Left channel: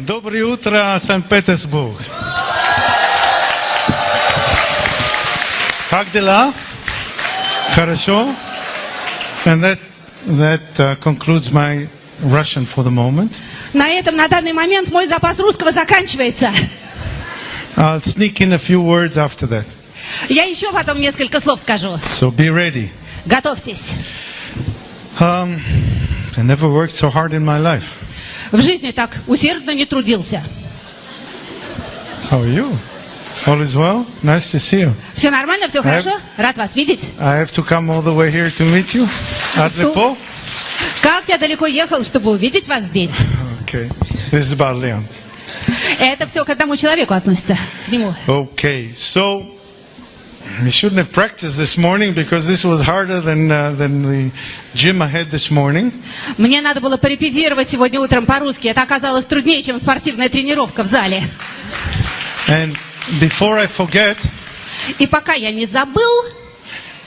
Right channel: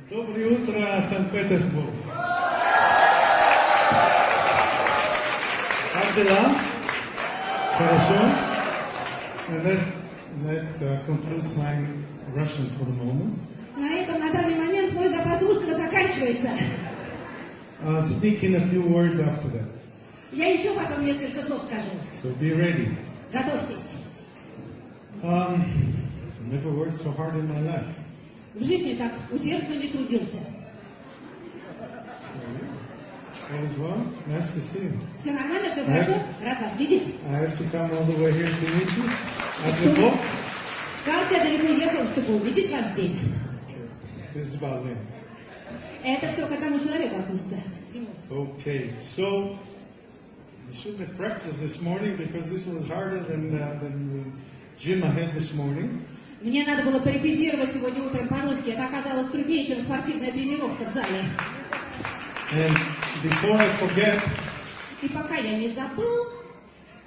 Доброе утро, Санкт-Петербург. Как дела? Хорошо? And that concludes my Russian for the moment. На этом на данный момент мой запас русского заканчивается. I'll sneak in a few words after that. Я еще потом несколько слов скажу. So be ready. Готовьтесь. I never worked so hard in my life. В жизни так усердно не трудился. How are you? All is well? Nice to see you. Все нормально, все хорошо? Рад вас видеть. I have to come all the way here to meet you. Adlipo? Как я далеко ехал, чтобы увидеть вас здесь? Okay. This is about Leon. Это все к одному человеку относится, к нему. Okay, so we shouldn't have practiced this morning because this was harder than the gym I had this morning. Мне надо было порепетировать сегодня утром по-русски. Это оказалось труднее, чем спортивная тренировка в зале. And before I forget, И пока я не забыл,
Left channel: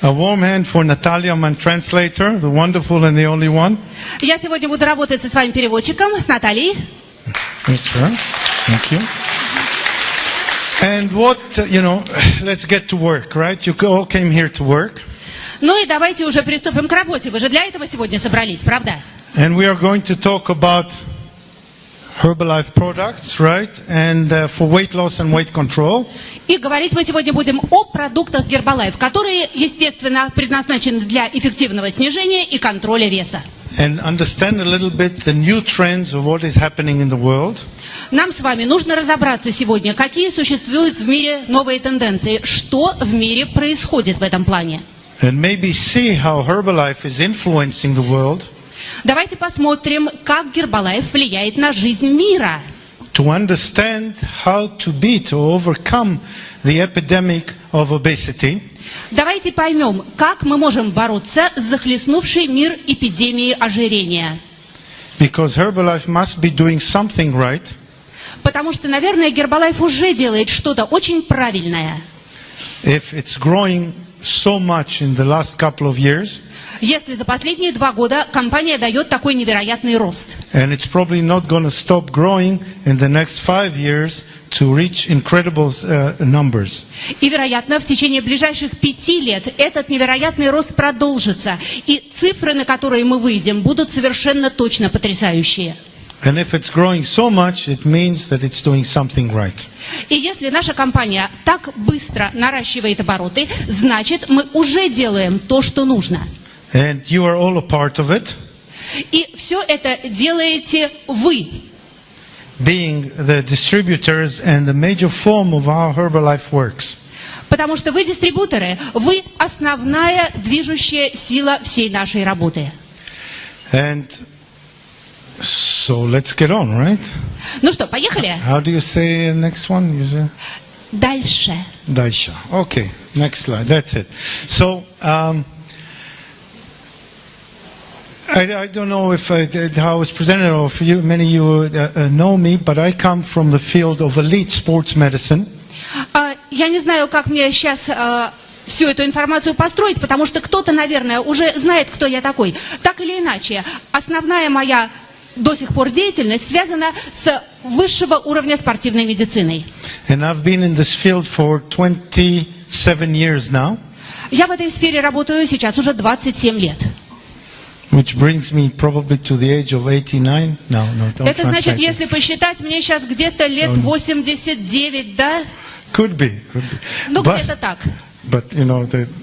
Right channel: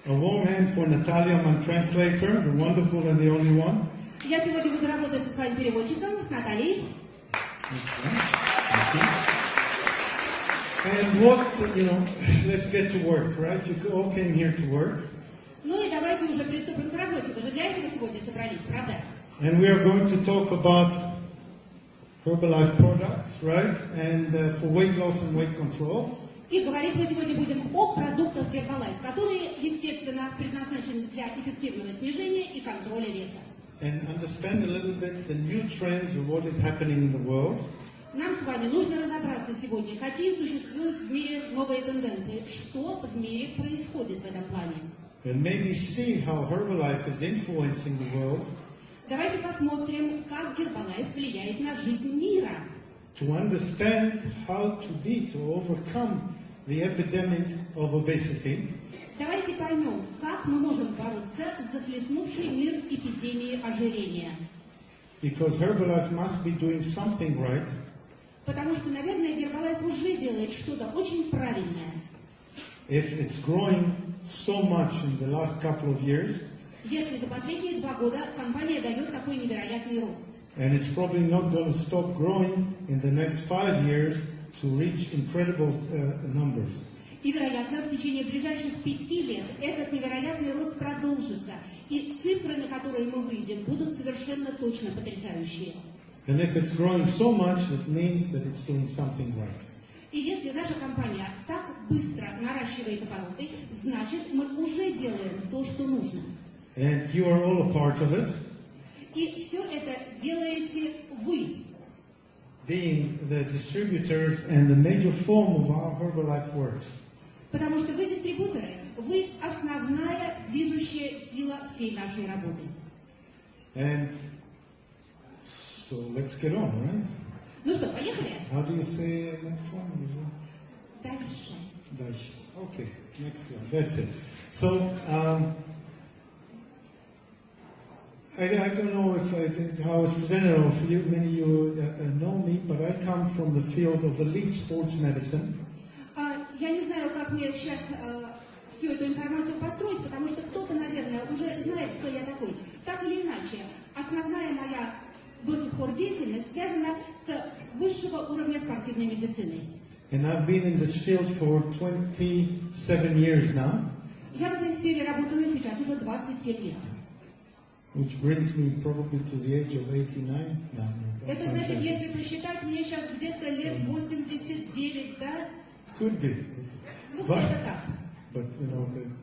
a warm hand for Natalia, my translator, the wonderful and the only one. я сегодня буду работать со своим переводчиком, с Натальей. That's right. Thank you. And what, let's get to work, right? You all came here to work. Ну и давайте уже приступим к работе. Вы же для этого сегодня собрались, правда? And we are going to talk about Herbalife products, right? And for weight loss and weight control. И говорить мы сегодня будем о продуктах Herbalife, которые, естественно, предназначены для эффективного снижения и контроля веса. And understand a little bit the new trends of what is happening in the world. Нам с вами нужно разобраться сегодня, какие существуют в мире новые тенденции, что в мире происходит в этом плане. And maybe see how Herbalife is influencing the world. Давайте посмотрим, как Herbalife влияет на жизнь мира. To understand how to overcome the epidemic of obesity. Давайте поймем, как мы можем бороться с захлестнувшей мир эпидемией ожирения. Because Herbalife must be doing something right. Потому что, наверное, Herbalife уже делает что-то очень правильное. If it's growing so much in the last couple of years. Если за последние 2 года компания дает такой невероятный рост. And it's probably not going to stop growing in the next 5 years to reach incredible numbers. И, вероятно, в течение ближайших 5 лет этот невероятный рост продолжится. И цифры, на которые мы выйдем, будут совершенно точно потрясающие. And if it's growing so much, it means that it's doing something right. И если наша компания так быстро наращивает обороты, значит, мы уже делаем то, что нужно. And you are all a part of it. И все это делаете вы. Being the distributors and the major form of how Herbalife works. Потому что вы дистрибьюторы, вы основная движущая сила всей нашей работы. And so let's get on, right? Ну что, поехали? How do you say next one? Дальше. Дальше. Okay, next slide. That's it. So, I don't know if how I was presented, or if many of you know me, but I come from the field of elite sports medicine. Я не знаю, как мне сейчас всю эту информацию построить, потому что кто-то, наверное, уже знает, кто я такой. Так или иначе, основная моя до сих пор деятельность связана с высшего уровня спортивной медициной. And I've been in this field for 27 years now. Я в этой сфере работаю сейчас уже 27 лет. Which brings me probably to the age of 89. No, don't Это значит, translate если посчитать, мне сейчас где-то лет 89, да? Could be. Ну, где-то так. But,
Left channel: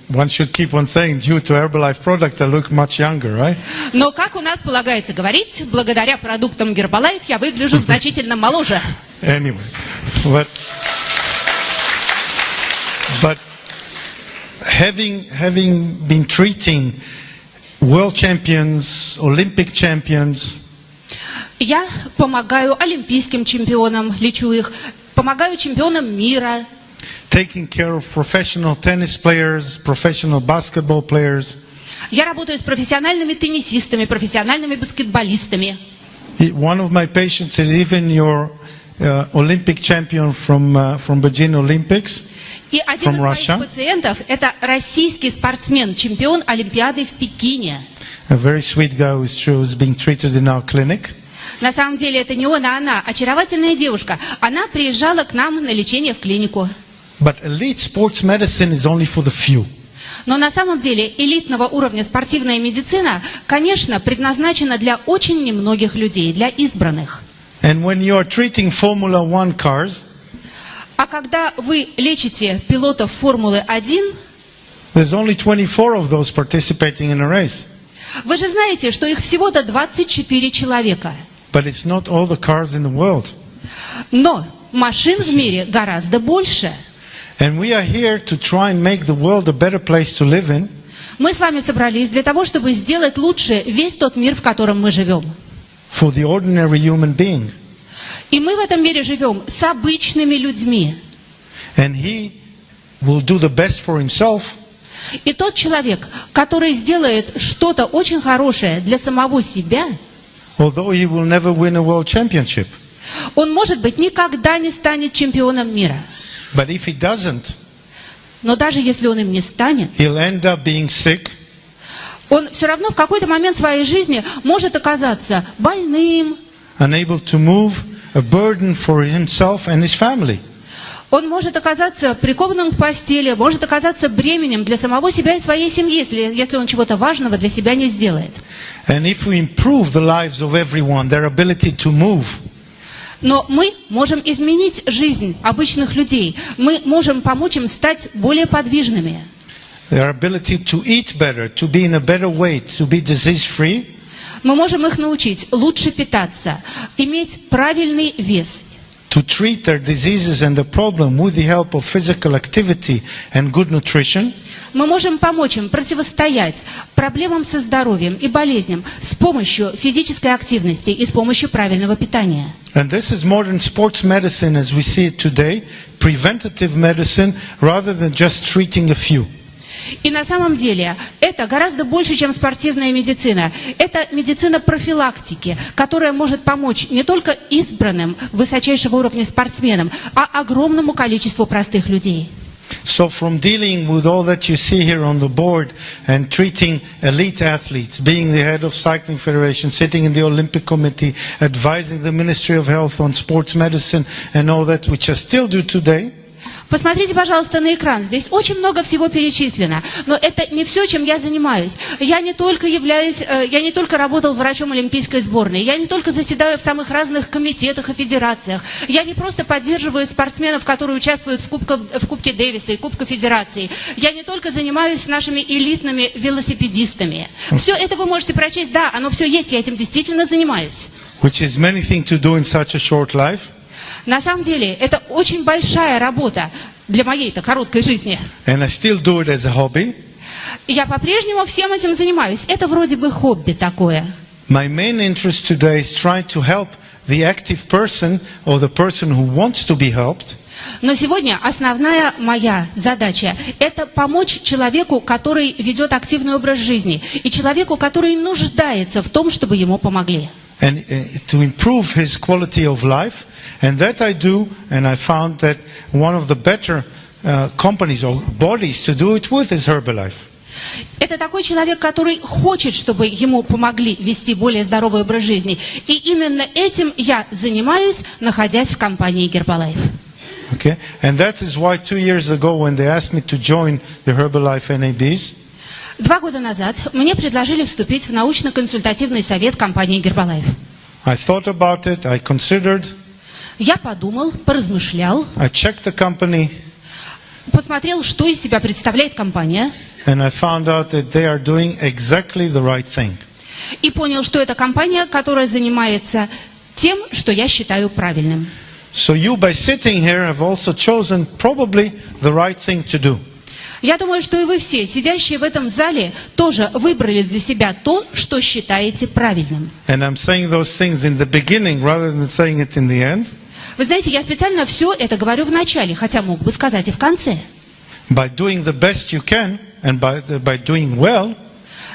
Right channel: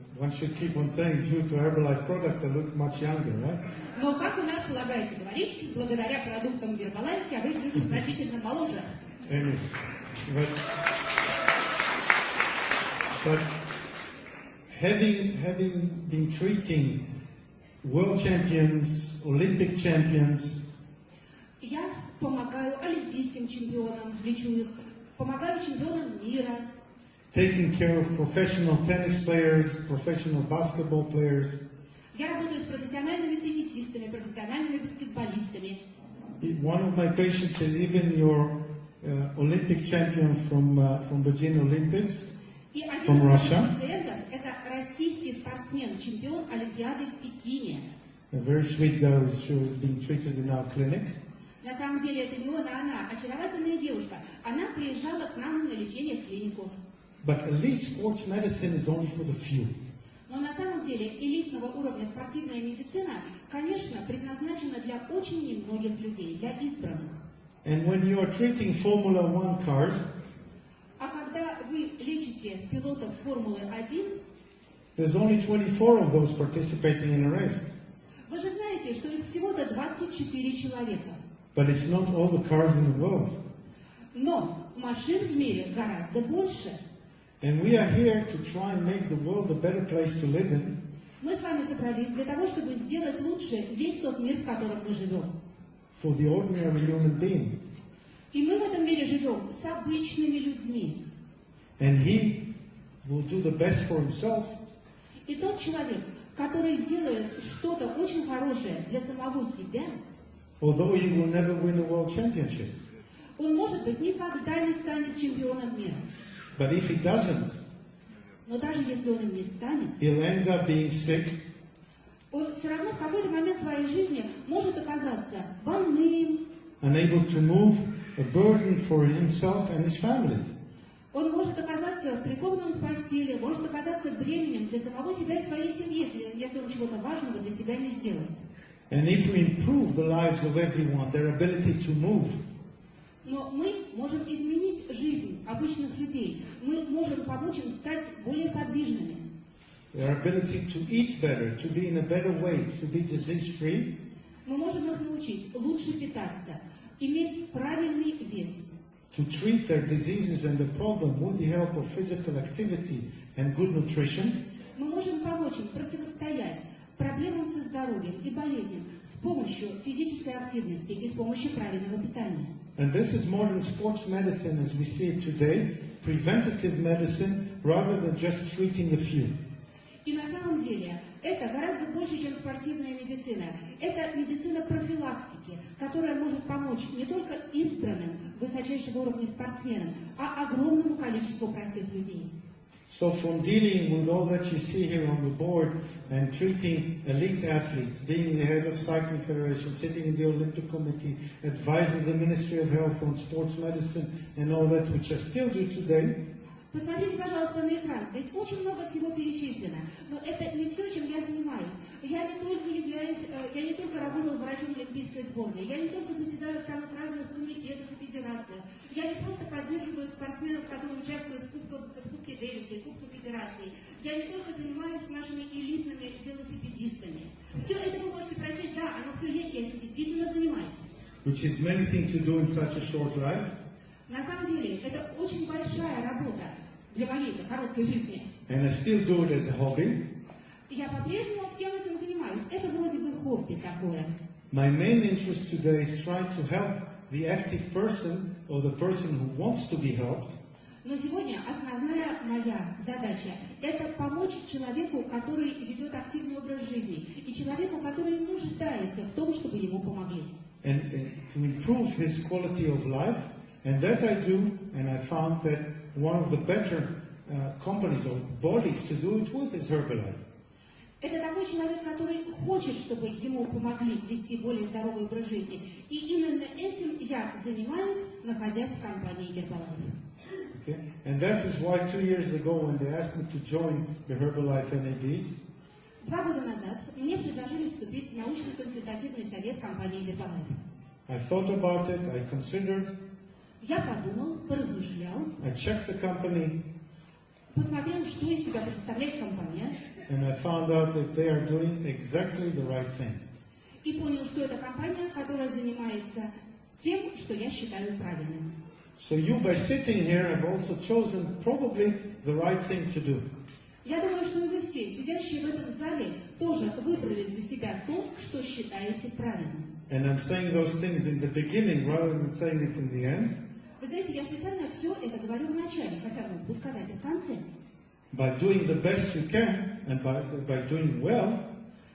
one should keep on saying, due to Herbalife product, I look much younger, right? Но, как у нас полагается говорить, благодаря продуктам Herbalife я выгляжу значительно моложе. Anyway, but having been treating world champions, Olympic champions. Я помогаю олимпийским чемпионам, лечу их, помогаю чемпионам мира. Taking care of professional tennis players, professional basketball players. Я работаю с профессиональными теннисистами, профессиональными баскетболистами. One of my patients is even your Olympic champion from Beijing Olympics. И один из моих пациентов – это российский спортсмен, чемпион Олимпиады в Пекине. A very sweet guy who's being treated in our clinic. На самом деле это не он, а она, очаровательная девушка. Она приезжала к нам на лечение в клинику. But elite sports medicine is only for the few. Но на самом деле элитного уровня спортивная медицина, конечно, предназначена для очень немногих людей, для избранных. And when you are treating Formula One cars, А когда вы лечите пилотов Формулы-1, there's only 24 of those participating in a race. вы же знаете, что их всего-то 24 человека. But it's not all the cars in the world. Но машин в мире гораздо больше. And we are here to try and make the world a better place to live in. Мы с вами собрались для того, чтобы сделать лучше весь тот мир, в котором мы живем. For the ordinary human being. И мы в этом мире живем с обычными людьми. And he will do the best for himself. И тот человек, который сделает что-то очень хорошее для самого себя, Although he will never win a world championship. он, может быть, никогда не станет чемпионом мира. But if he doesn't, Но даже если он им не станет, he'll end up being sick. он все равно в какой-то момент своей жизни может оказаться больным, Unable to move, a burden for himself and his family. он может оказаться прикованным к постели, может оказаться бременем для самого себя и своей семьи, если он чего-то важного для себя не сделает. And if we improve the lives of everyone, their ability to move, Но мы можем изменить жизнь обычных людей. Мы можем помочь им стать более подвижными. their ability to eat better, to be in a better weight, to be disease-free, Мы можем их научить лучше питаться, иметь правильный вес. to treat their diseases and the problem with the help of physical activity and good nutrition, Мы можем помочь им противостоять проблемам со здоровьем и болезням с помощью физической активности и с помощью правильного питания. and this is modern sports medicine as we see it today, preventative medicine rather than just treating a few. И на самом деле это гораздо больше, чем спортивная медицина. Это медицина профилактики, которая может помочь не только избранным высочайшего уровня спортсменам, а огромному количеству простых людей. So from dealing with all that you see here on the board and treating elite athletes, being the head of Cycling Federation, sitting in the Olympic Committee, advising the Ministry of Health on sports medicine and all that, which I still do today, Посмотрите, пожалуйста, на экран. Здесь очень много всего перечислено. Но это не все, чем я занимаюсь. Я не только работал врачом олимпийской сборной. Я не только заседаю в самых разных комитетах и федерациях. Я не просто поддерживаю спортсменов, которые участвуют в Кубке Дэвиса и Кубке Федерации. Я не только занимаюсь нашими элитными велосипедистами. Все это вы можете прочесть. Да, оно все есть. Я этим действительно занимаюсь. which is many things to do in such a short life. На самом деле, это очень большая работа для моей-то короткой жизни. And I still do it as a hobby. И я по-прежнему всем этим занимаюсь. Это вроде бы хобби такое. My main interest today is trying to help the active person or the person who wants to be helped. Но сегодня основная моя задача – это помочь человеку, который ведет активный образ жизни, и человеку, который нуждается в том, чтобы ему помогли. And to improve his quality of life. And that I do, and I found that one of the better companies or bodies to do it with is Herbalife. Это такой человек, который хочет, чтобы ему помогли вести более здоровый образ жизни. И именно этим я занимаюсь, находясь в компании Herbalife. Okay? And that is why 2 years ago when they asked me to join the Herbalife NABs, 2 года назад мне предложили вступить в научно-консультативный совет компании Herbalife. I thought about it, I considered, Я подумал, поразмышлял, I checked the company, посмотрел, что из себя представляет компания, and I found out that they are doing exactly the right thing. и понял, что это компания, которая занимается тем, что я считаю правильным. So you, by sitting here, have also chosen probably the right thing to do. Я думаю, что и вы все, сидящие в этом зале, тоже выбрали для себя то, что считаете правильным. And I'm saying those things in the beginning rather than saying it in the end. Вы знаете, я специально все это говорю в начале, хотя мог бы сказать и в конце. By doing the best you can and by doing well,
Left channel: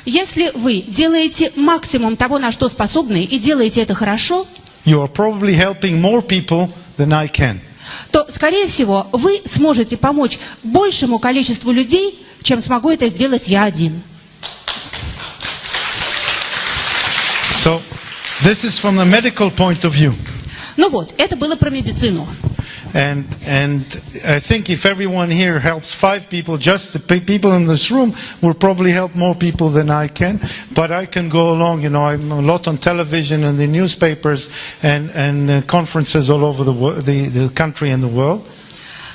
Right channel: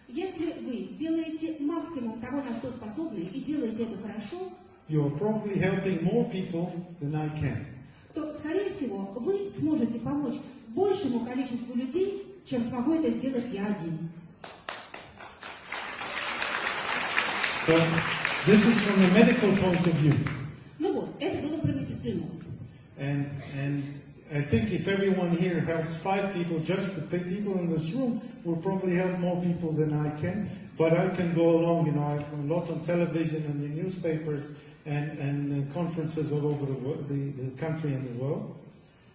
Если вы делаете максимум того, на что способны, и делаете это хорошо, you are probably helping more people than I can. то, скорее всего, вы сможете помочь большему количеству людей, чем смогу это сделать я один. So This is from the medical point of view. Ну вот, это было про медицину. And I think if everyone here helps 5 people, just the people in this room will probably help more people than I can. But I can go along, you know, I'm a lot on television and the newspapers and conferences all over the country and the world.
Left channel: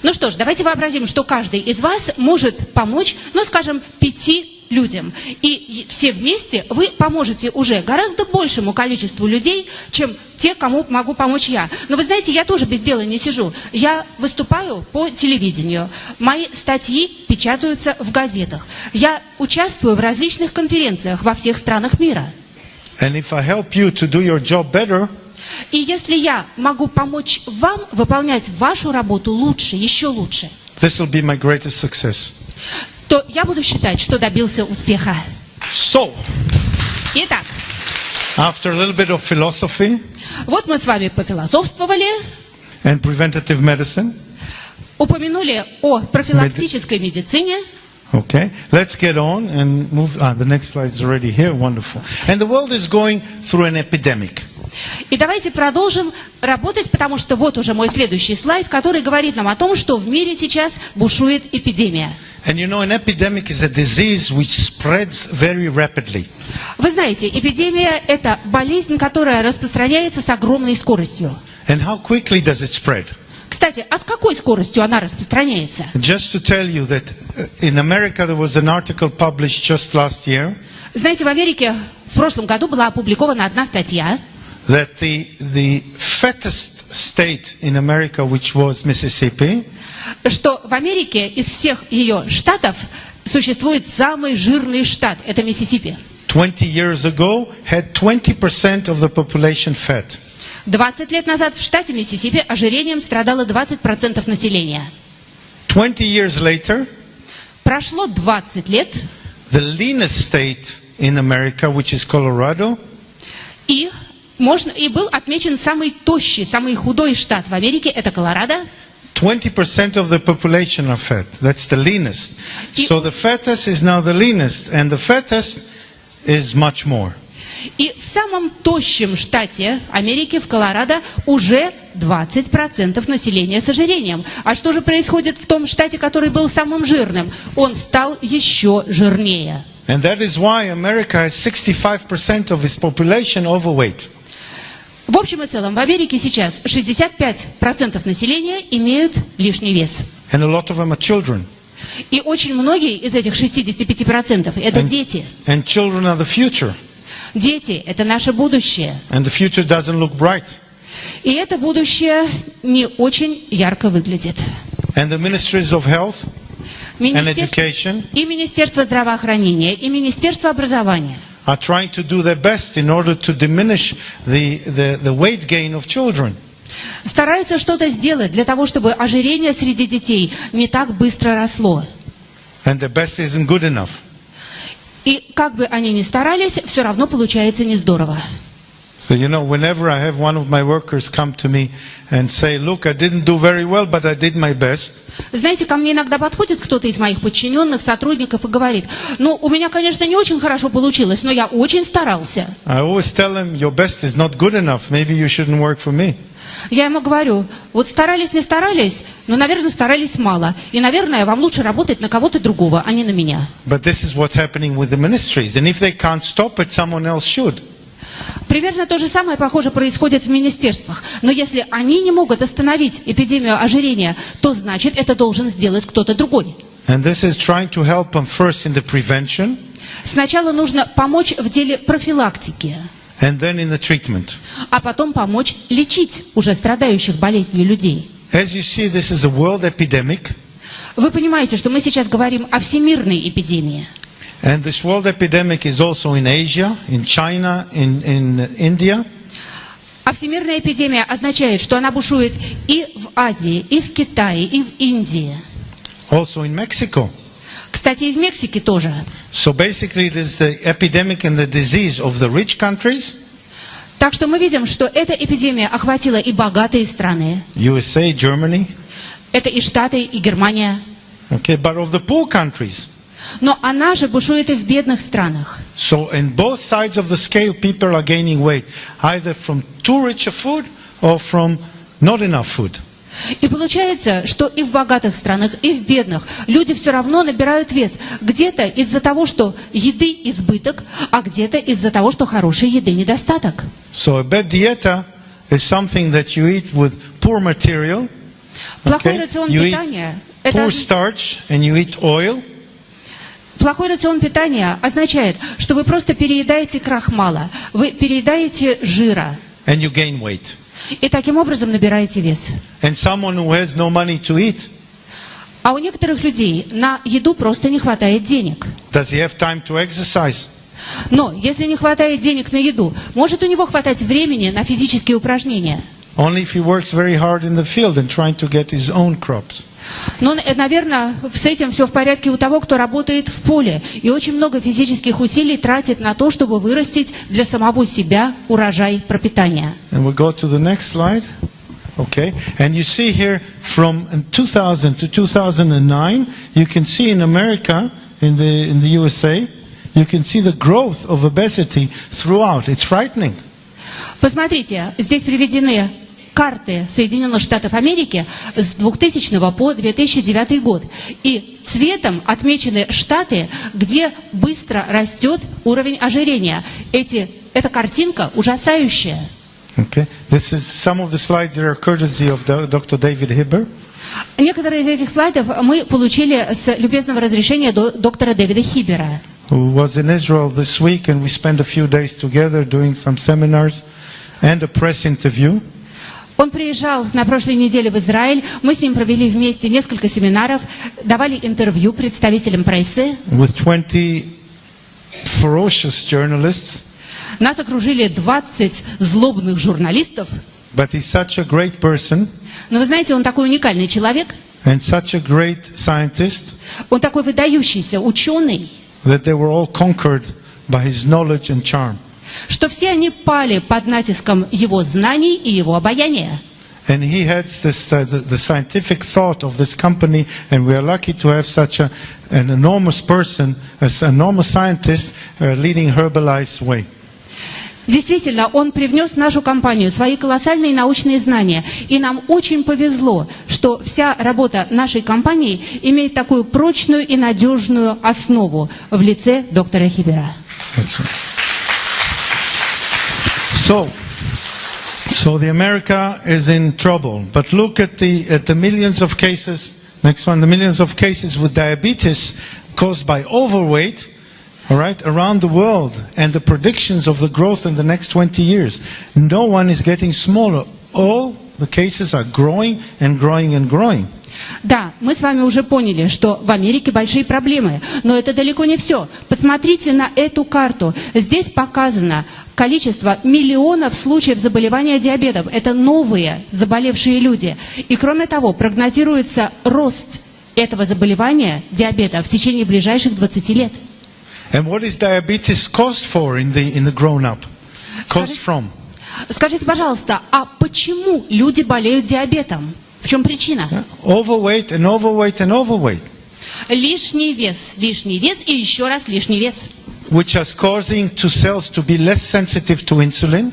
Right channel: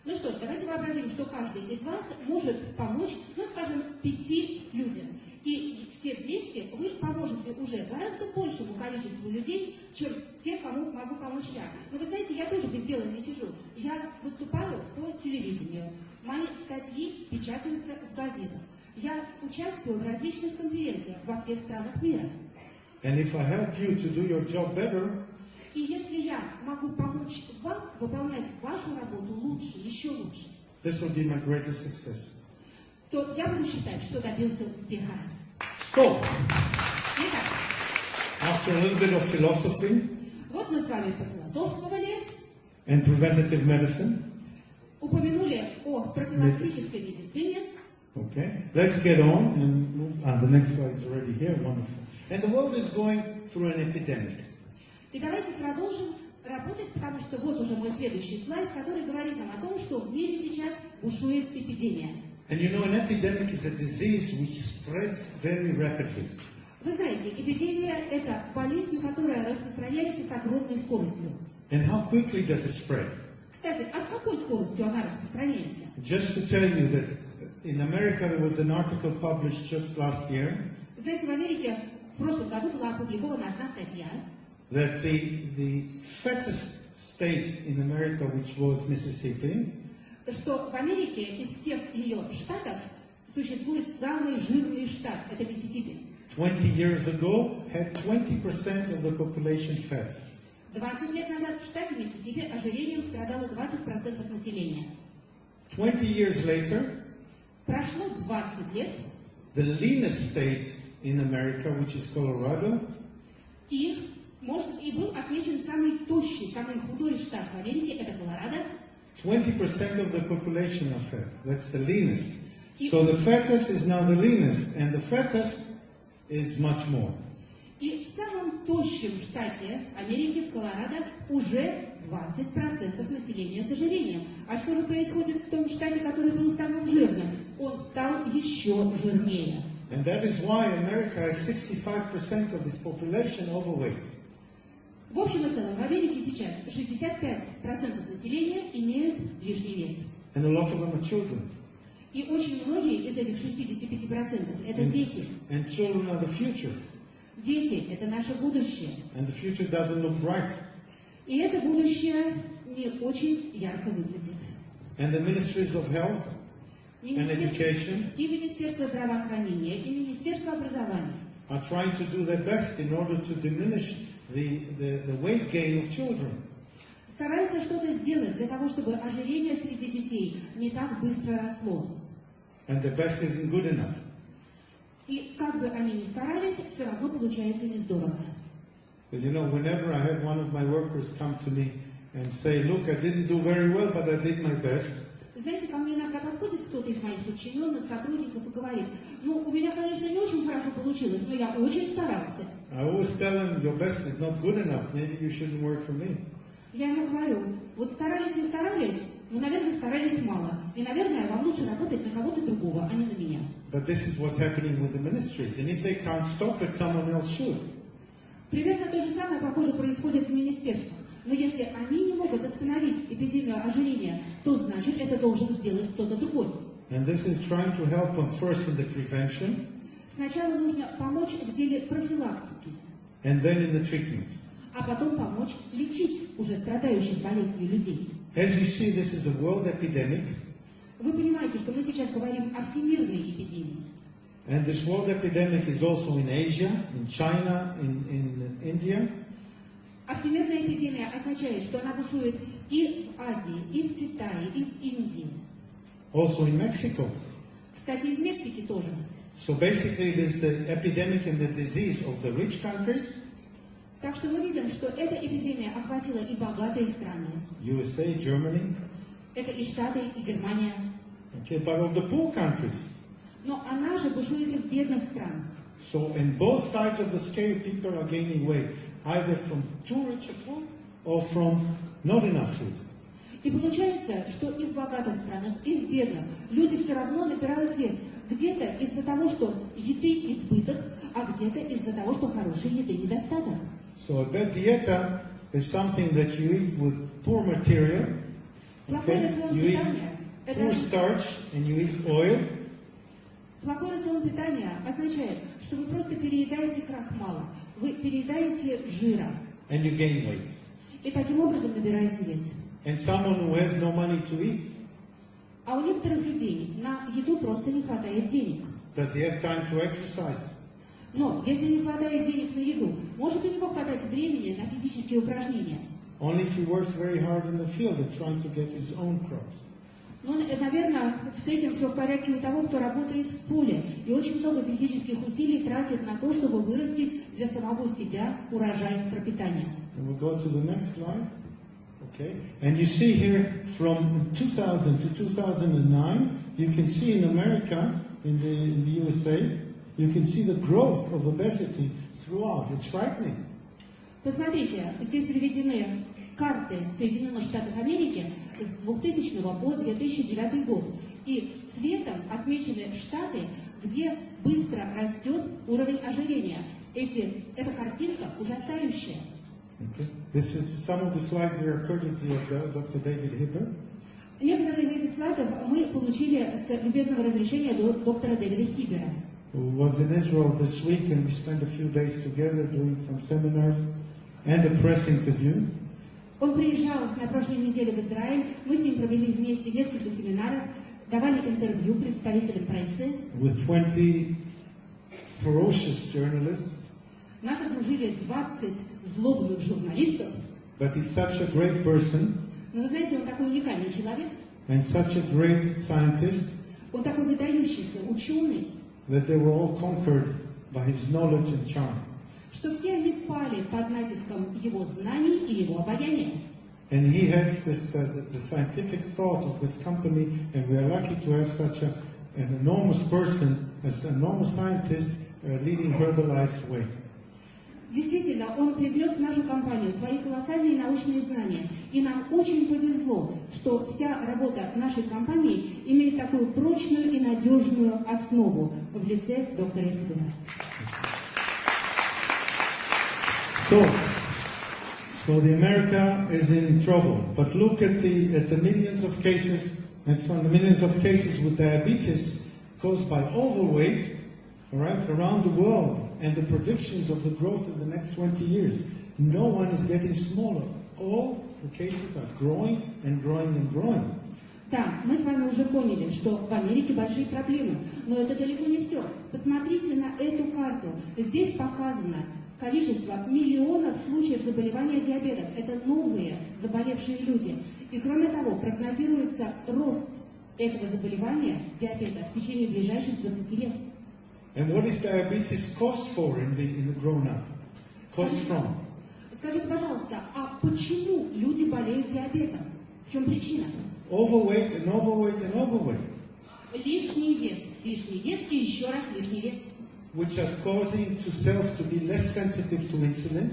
Ну что ж, давайте вообразим, что каждый из вас может помочь, ну, скажем, 5 людям. И все вместе вы поможете уже гораздо большему количеству людей, чем те, кому могу помочь я. Но вы знаете, я тоже без дела не сижу. Я выступаю по телевидению. Мои статьи печатаются в газетах. Я участвую в различных конференциях во всех странах мира. And if I help you to do your job better, и если я могу помочь вам выполнять вашу работу лучше, еще лучше, this will be my greatest success. То я буду считать, что добился успеха. So, итак, after a little bit of philosophy, вот мы с вами пофилософствовали, and preventative medicine, упомянули о профилактической медицине. Okay, let's get on and move. The next slide is already here. Wonderful. And the world is going through an epidemic. И давайте продолжим работать, потому что вот уже мой следующий слайд, который говорит нам о том, что в мире сейчас бушует эпидемия. And you know, an epidemic is a disease which spreads very rapidly. Вы знаете, эпидемия – это болезнь, которая распространяется с огромной скоростью. And how quickly does it spread? Кстати, а с какой скоростью она распространяется? Just to tell you that in America there was an article published just last year. Знаете, в Америке в прошлом году была опубликована одна статья. That the fattest state in America, which was Mississippi, что в Америке из всех ее штатов существует самый жирный штат, это Миссисипи. 20 years ago had 20% of the population fat. 20 лет назад в штате Миссисипи ожирением страдало 20% населения. 20 years later, прошло 20 лет, the leanest state in America, which is Colorado, и был отмечен самый тощий, самый худой штат в Америке, это Колорадо. 20% of the population are fat. That's the leanest. So the fattest is now the leanest, and the fattest is much more. И в самом тощем штате Америки, в Колорадо, уже 20% населения с ожирением. А что же происходит в том штате, который был самым жирным? Он стал еще жирнее. And that is why America has 65% of its population overweight. В общем и целом, в Америке сейчас 65% населения имеют лишний вес. And a lot of them are children. И очень многие из этих 65% это дети. And children are the future. Дети – это наше будущее. And the future doesn't look bright. И это будущее не очень ярко выглядит. And the ministries of health and education и Министерство здравоохранения, и Министерство образования are trying to do their best in order to diminish the weight gain of children. Стараются что-то сделать для того, чтобы ожирение среди детей не так быстро росло. And the best isn't good enough. И как бы они ни старались, все равно получается не здорово. So you know, whenever I have one of my workers come to me and say, "Look, I didn't do very well, but I did my best." Знаете, ко мне иногда подходит кто-то из моих подчиненных, сотрудников и говорит: "Ну, у меня, конечно, не очень хорошо получилось, но я очень старался." I always tell them, "Your best is not good enough. Maybe you shouldn't work for me." Я ему говорю: вот старались, не старались, но, наверное, старались мало. И, наверное, вам лучше работать на кого-то другого, а не на меня. But this is what's happening with the ministries, and if they can't stop it, someone else should. Примерно то же самое, похоже, происходит в министерствах. Но если они не могут остановить эпидемию ожирения, то значит, это должен сделать кто-то другой. And this is trying to help them first in the prevention. Сначала нужно помочь в деле профилактики. And then in the treatment. А потом помочь лечить уже страдающих болезнью людей. As you see, this is a world epidemic. Вы понимаете, что мы сейчас говорим о всемирной эпидемии. And this world epidemic is also in Asia, in China, in India. А всемирная эпидемия означает, что она бушует и в Азии, и в Китае, и в Индии. Also in Mexico. Кстати, и в Мексике тоже. So basically it is the epidemic and the disease of the rich countries. Так что мы видим, что эта эпидемия охватила и богатые страны. USA, Germany. Это и Штаты, и Германия. Okay, but of the poor countries. Но она же бушует и в бедных странах. So in both sides of the scale, people are gaining weight, either from too rich a food or from not enough food. И получается, что и в богатых странах, и в бедных люди все равно набирают вес. Где-то из-за того, что еды избыток, а где-то из-за того, что хорошей еды недостаток. So a bad dieta is something that you eat with poor material. Плохой рацион You питания eat poor starch and you eat oil. Плохой рацион питания означает, что вы просто переедаете крахмала, вы переедаете жира. And you gain weight. И таким образом набираете вес. And someone who has no money to eat, А у некоторых людей на еду просто не хватает денег. does he have time to exercise? Но если не хватает денег на еду, может у него хватать времени на физические упражнения. Only if he works very hard in the field and trying to get his own crops. Но, наверное, с этим все в порядке у того, кто работает в поле и очень много физических усилий тратит на то, чтобы вырастить для самого себя урожай пропитания. And we'll go to the next slide. Okay. And you see here from 2000 to 2009, you can see in America, in the USA, you can see the growth of obesity throughout. It's frightening. Посмотрите, здесь приведены карты Соединенных Штатов Америки с 2000 по 2009 год. И цветом отмечены штаты, где быстро растет уровень ожирения. Эта картинка ужасающая. Okay. This is some of the slides that are courtesy of Dr. David Hibber. Некоторые из этих слайдов мы получили с любезного разрешения доктора Дэвида Хиббера. Who was in Israel this week, and we spent a few days together doing some seminars and a press interview. Он приезжал на прошлой неделе в Израиль, мы с ним провели вместе несколько семинаров, давали интервью представителям прессы. With 20 ferocious journalists. Нас окружили 20 злобных журналистов. But he's such a great person. Но вы знаете, он такой уникальный человек. And such a great scientist. Он такой выдающийся ученый. That they were all conquered by his knowledge and charm. Что все они пали под натиском его знаний и его обаяния. And he has this, the scientific thought of this company, and we are lucky to have such an enormous person, an enormous scientist, leading Herbalife's way. Действительно, он привнес в нашу компанию свои колоссальные научные знания. И нам очень повезло, что вся работа нашей компании имеет такую прочную и надежную основу в лице доктора Хиббера. So the America is in trouble. But look at the millions of cases. Next one, the millions of cases with diabetes caused by overweight. All right, around the world, and the predictions of the growth in the next 20 years. No one is getting smaller. All the cases are growing and growing and growing. Да, мы с вами уже поняли, что в Америке большие проблемы, но это далеко не все. Посмотрите на эту карту. Здесь показано количество миллионов случаев заболевания диабетом. Это новые заболевшие люди. И кроме того, прогнозируется рост этого заболевания, диабета, в течение ближайших 20 лет. And what is diabetes caused for in the grown-up? Caused from? Скажите, пожалуйста, а почему люди болеют диабетом? В чем причина? Overweight and overweight and overweight. Лишний вес и еще раз лишний вес. Which is causing cells to be less sensitive to insulin.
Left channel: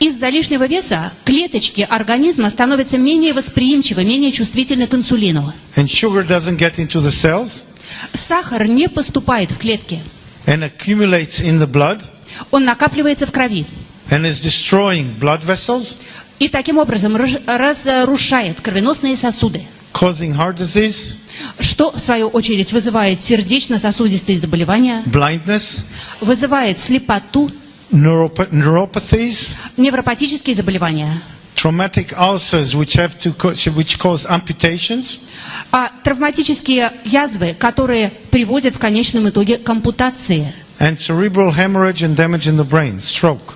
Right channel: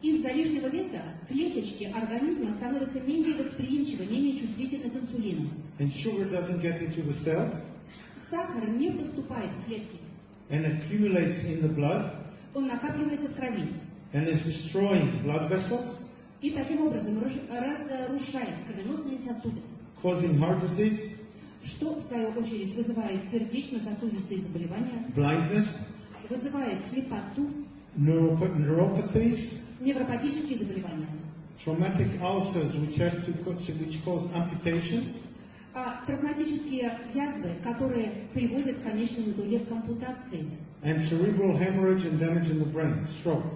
Из-за лишнего веса клеточки организма становятся менее восприимчивы, менее чувствительны к инсулину. And sugar doesn't get into the cells. Сахар не поступает в клетки. And accumulates in the blood. Он накапливается в крови. And is destroying blood vessels. И таким образом разрушает кровеносные сосуды. Causing heart disease. Что, в свою очередь, вызывает сердечно-сосудистые заболевания. Blindness. Вызывает слепоту. Neuropathies. Невропатические заболевания. Traumatic ulcers which cause amputations. А травматические язвы, которые приводят в конечном итоге к ампутации. And cerebral hemorrhage and damage in the brain, stroke.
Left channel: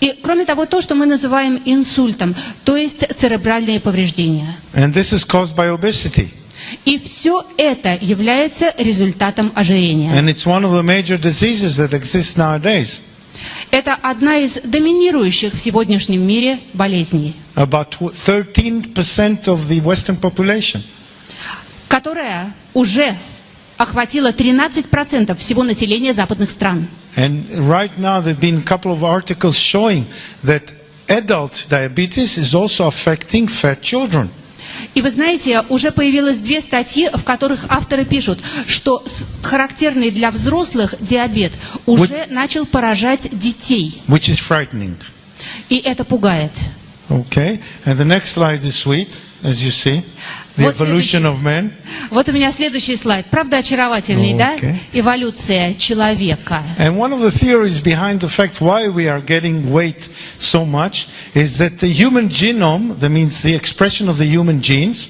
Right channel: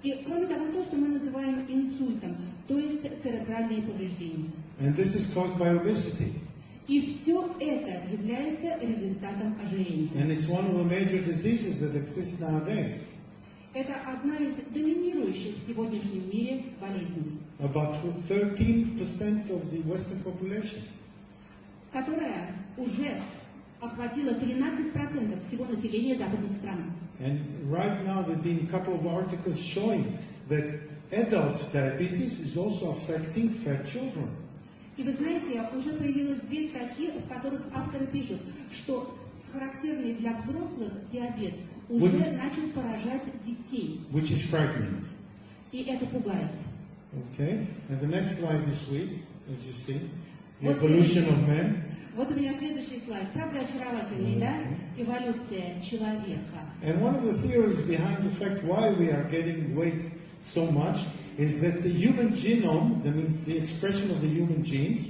И кроме того, то, что мы называем инсультом, то есть церебральные повреждения. And this is caused by obesity. И все это является результатом ожирения. And it's one of the major diseases that exists nowadays. Это одна из доминирующих в сегодняшнем мире болезней. About 13% of the Western population. Которая уже охватило 13% всего населения западных стран. And right now there have been a couple of articles showing that adult diabetes is also affecting fat children. И вы знаете, уже появилось 2 статьи, в которых авторы пишут, что характерный для взрослых диабет уже начал поражать детей. Which is frightening. И это пугает. Okay, and the next slide is sweet, as you see. The evolution of man. Вот у меня следующий слайд. Правда очаровательный, да? Эволюция человека. And one of the theories behind the fact why we are getting weight so much is that the human genome, that means the expression of the human genes.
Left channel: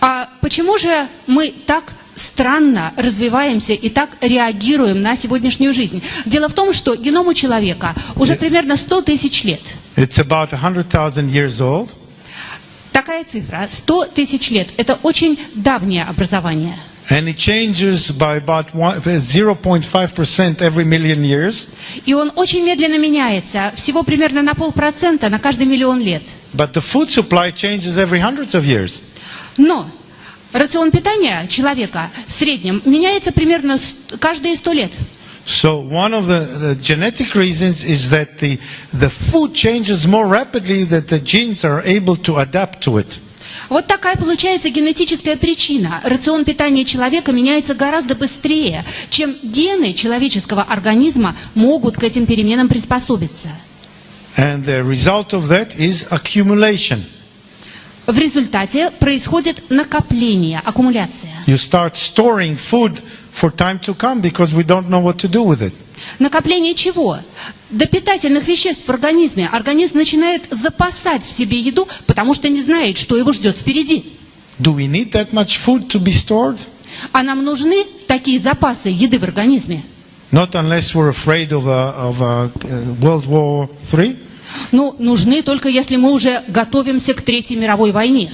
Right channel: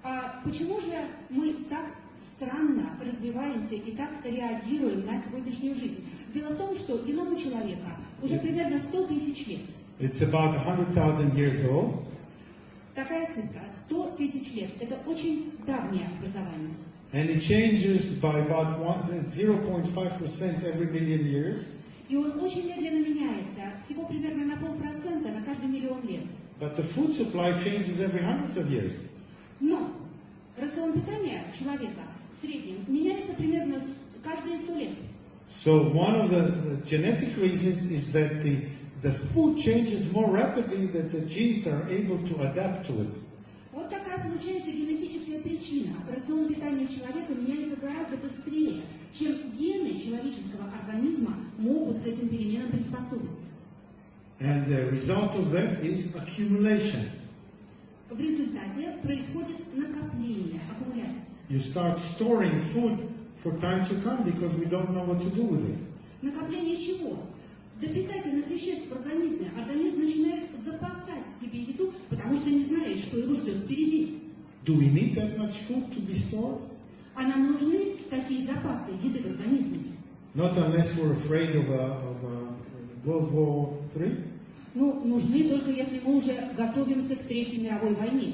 А почему же мы так странно развиваемся и так реагируем на сегодняшнюю жизнь? Дело в том, что геному человека уже примерно 100 тысяч лет. It's about 100,000 years old. Такая цифра, 100 тысяч лет, это очень давнее образование. And it changes by about 0.5% every million years. И он очень медленно меняется, всего примерно на 0,5% на каждый миллион лет. But the food supply changes every hundreds of years. Но рацион питания человека в среднем меняется примерно каждые 100 лет. So one of the genetic reasons is that the food changes more rapidly that the genes are able to adapt to it. Вот такая получается генетическая причина. Рацион питания человека меняется гораздо быстрее, чем гены человеческого организма могут к этим переменам приспособиться. And the result of that is accumulation. В результате происходит накопление, аккумуляция. You start storing food for time to come because we don't know what to do with it. Накопление чего? До питательных веществ в организме. Организм начинает запасать в себе еду, потому что не знает, что его ждет впереди. Do we need that much food to be stored? А нам нужны такие запасы еды в организме? Not unless we're afraid of a World War III. Ну, нужны только если мы уже готовимся к Третьей мировой войне.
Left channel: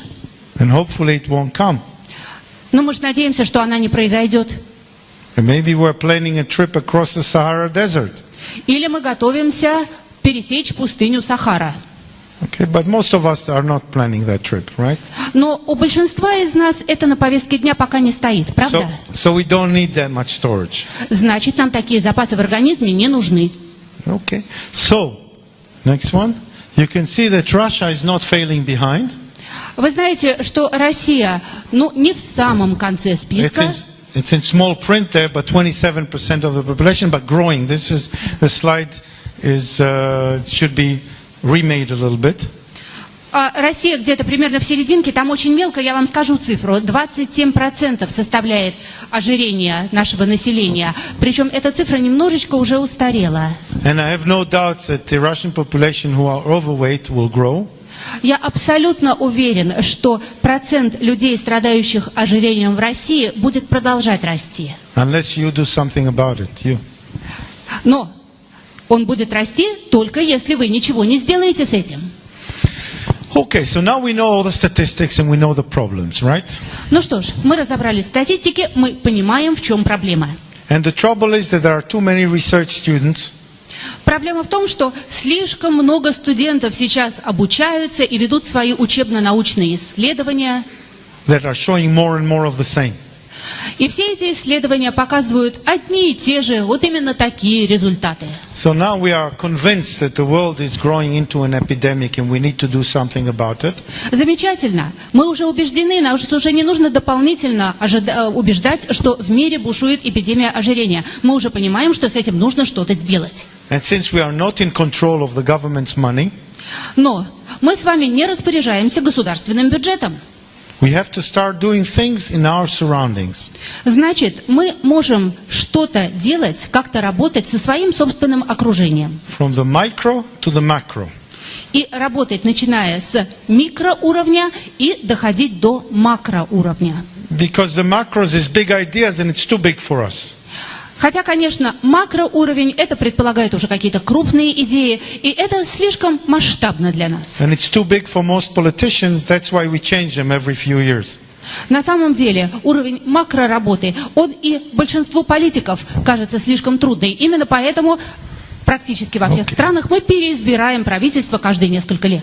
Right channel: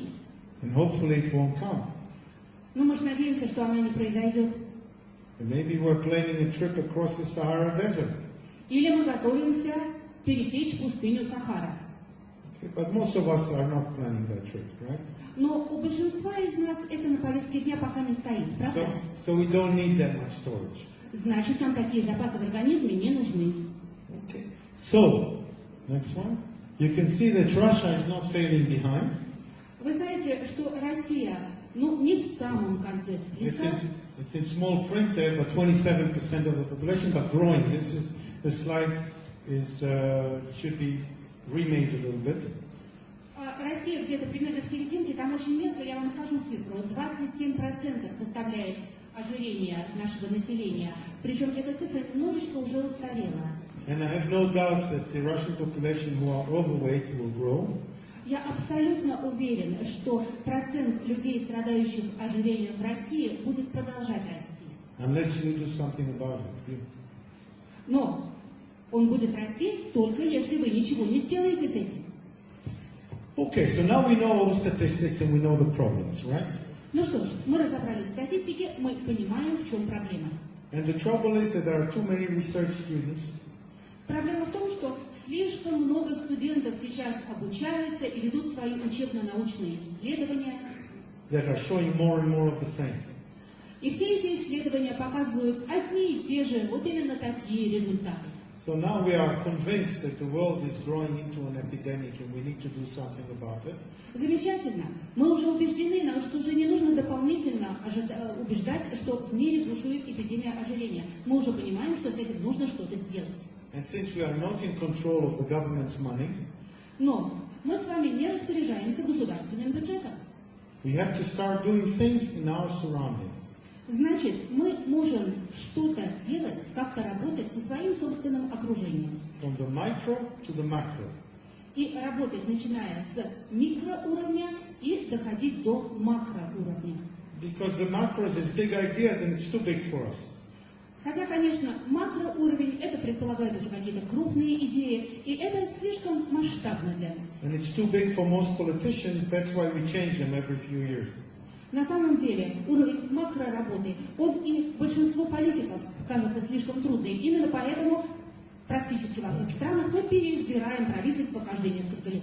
And hopefully it won't come. Но мы же надеемся, что она не произойдет. And maybe we're planning a trip across the Sahara Desert. Или мы готовимся пересечь пустыню Сахара. Okay, but most of us are not planning that trip, right? Но у большинства из нас это на повестке дня пока не стоит, правда? So we don't need that much storage. Значит, нам такие запасы в организме не нужны. Okay. So, next one. You can see that Russia is not failing behind. Вы знаете, что Россия, не в самом конце списка. It's in small print there, but 27% of the population, but growing. This is the slide is should be remade a little bit. Россия где-то примерно в серединке, там очень мелко, я вам скажу цифру, 27% составляет ожирение нашего населения. Причем эта цифра немножечко уже устарела. And I have no doubts that the Russian population who are overweight will grow. Я абсолютно уверен, что процент людей, страдающих ожирением в России, будет продолжать расти. Unless you do something about it, you. Но он будет расти только если вы ничего не сделаете с этим. Okay, so now we know all the statistics and we know the problems, right? Ну что ж, мы разобрались в статистике, мы понимаем, в чем проблема. And the trouble is that there are too many research students. Проблема в том, что слишком много студентов сейчас обучаются и ведут свои учебно-научные исследования. That are showing more and more of the same. И все эти исследования показывают одни и те же, вот именно такие результаты. So now we are convinced that the world is growing into an epidemic and we need to do something about it. Замечательно. Мы уже убеждены, нам уже не нужно дополнительно убеждать, что в мире бушует эпидемия ожирения. Мы уже понимаем, что с этим нужно что-то сделать. And since we are not in control of the government's money, но мы с вами не распоряжаемся государственным бюджетом. we have to start doing things in our surroundings. Значит, мы можем что-то делать, как-то работать со своим собственным окружением. From the micro to the macro. И работать, начиная с микроуровня и доходить до макроуровня. Because the macros is big ideas and it's too big for us. Хотя, конечно, макроуровень, это предполагает уже какие-то крупные идеи, и это слишком масштабно для нас. And it's too big for most politicians, that's why we change them every few years. На самом деле, уровень макроработы, он и большинству политиков кажется слишком трудный. Именно поэтому практически во всех странах мы переизбираем правительство каждые несколько лет.